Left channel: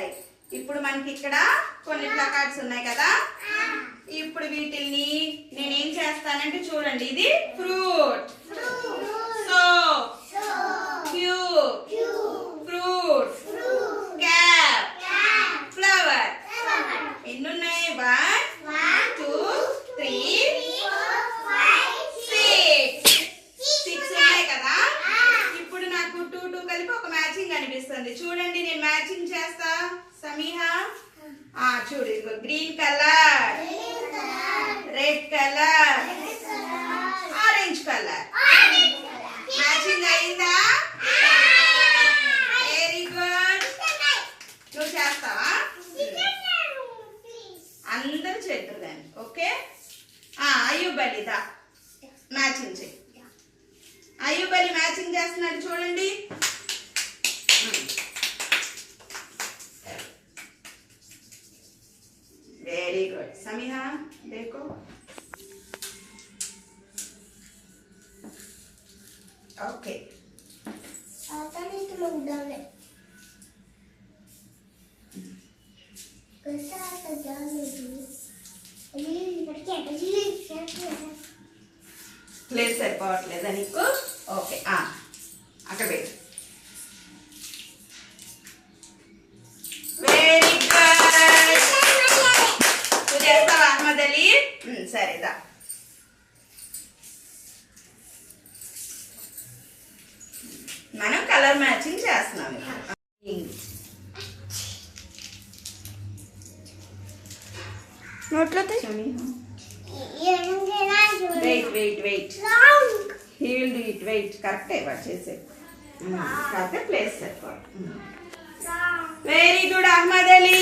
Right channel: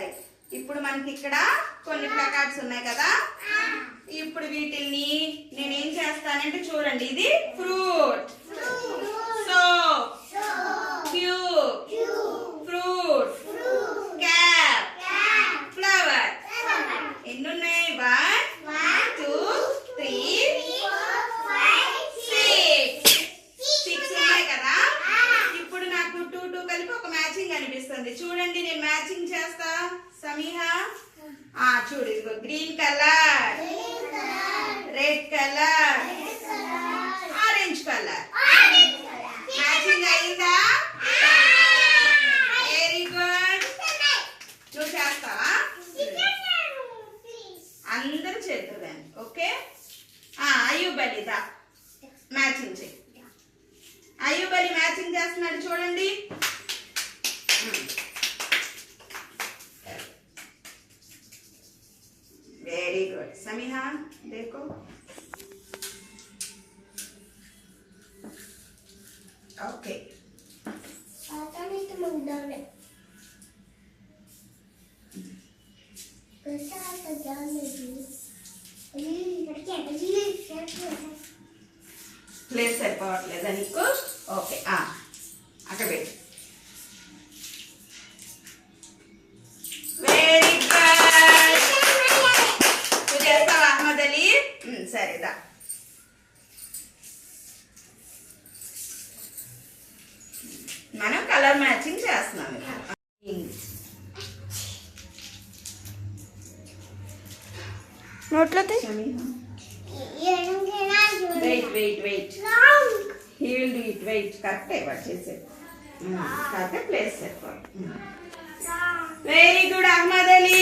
సరే ఇప్పుడు మనకి ఇక్కడ కొన్ని ప్లకార్డ్స్ ఉన్నాయి కదా. ఇప్పుడు వీటిని నేనేం చేస్తానంటే చూడండి, ఇది fruit, soap, cube, fruit, cap, flower. ఎన్ని ఉన్నాయి? 1 2 3 6 ఉన్నాయి కదా. ఇప్పుడు నాకు 2 2 కలిపి ఒక మ్యాచింగ్ అనిపిస్తుంది. చూడండి నేను మ్యాచింగ్ చేస్తా. సమీహా చూడు, ఇదిగో green colour, red colour, orange colour. Matching అయిందా? Very good. నువ్వు చేస్తావా? అందరూ చేద్దరు దాన్ని. ఓకే, అయ్యూబ్ అలీ దా మ్యాచింగ్ చేయి. అయ్యూబ్ అలీ మ్యాచింగ్ చేస్తున్నాడు చూడండి. Very good. समीहा देखो. ओके आता नहीं तो मैं उड़ाने कैसा आता जाने दो. अभी लड़के अभी ప్లేస్ సరిపోవట్లేదా నీకు? ఓకే, అక్కడ పెట్టు. Very good. నువ్వు చేస్తావా అహ్మద్ అలీ? సరేదా. మనం కలర్ మ్యాచింగ్ చేస్తున్నాం. నోట్లో wait wait wait, he will do it. Wait, కరెక్టే వాడు చేసేది. కాకపోతే ప్లేస్ సరిపోవాలి. Very good Ahmed Ali.